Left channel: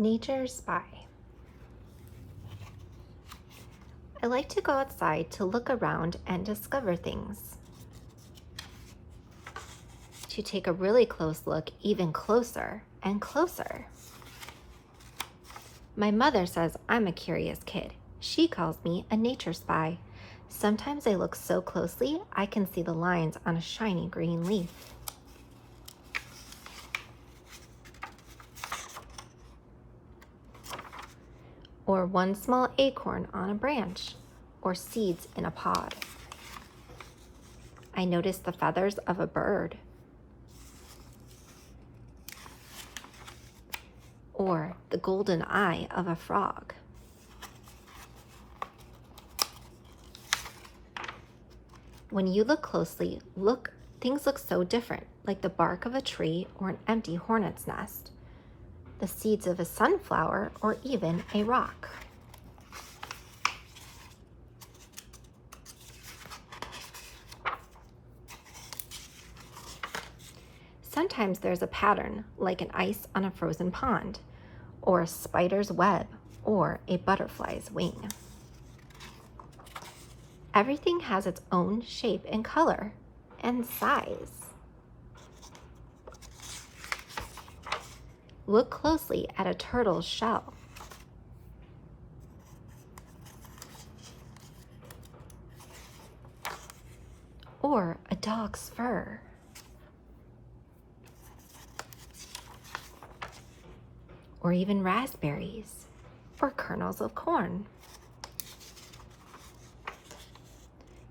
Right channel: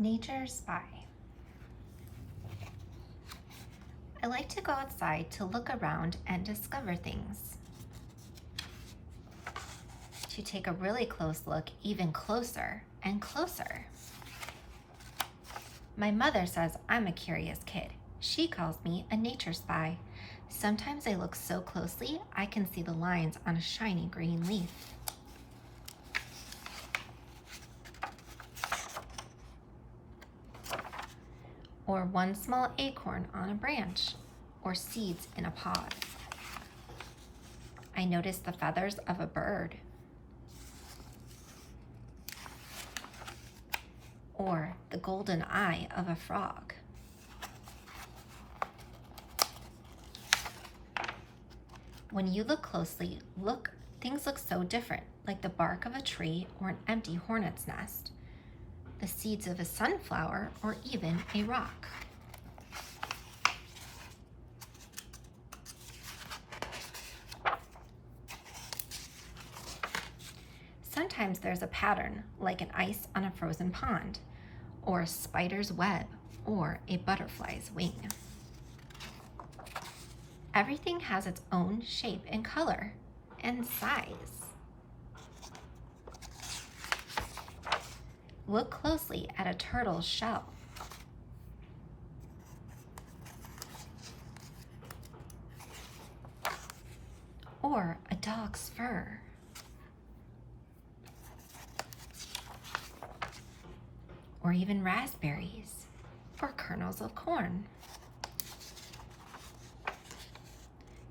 Nature spy. I like to go outside to look around and discover things. To take a really close look, even closer and closer. My mother says I'm a curious kid. She calls me a nature spy. Sometimes I look so closely I can see the lines on a shiny green leaf. Or one small acorn on a branch, or seeds in a pod. I notice the feathers of a bird, or the golden eye of a frog. When you look closely, things look so different, like the bark of a tree or an empty hornet's nest, the seeds of a sunflower, or even a rock. Sometimes there's a pattern, like an ice on a frozen pond, or a spider's web, or a butterfly's wing. Everything has its own shape and color and size. Look closely at a turtle's shell. Or a dog's fur. Or even raspberries or kernels of corn.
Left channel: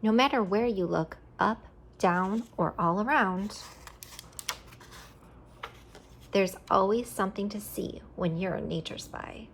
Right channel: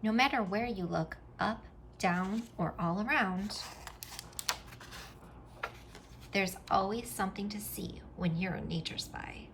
No matter where you look, up, down, or all around, there's always something to see when you're a nature spy.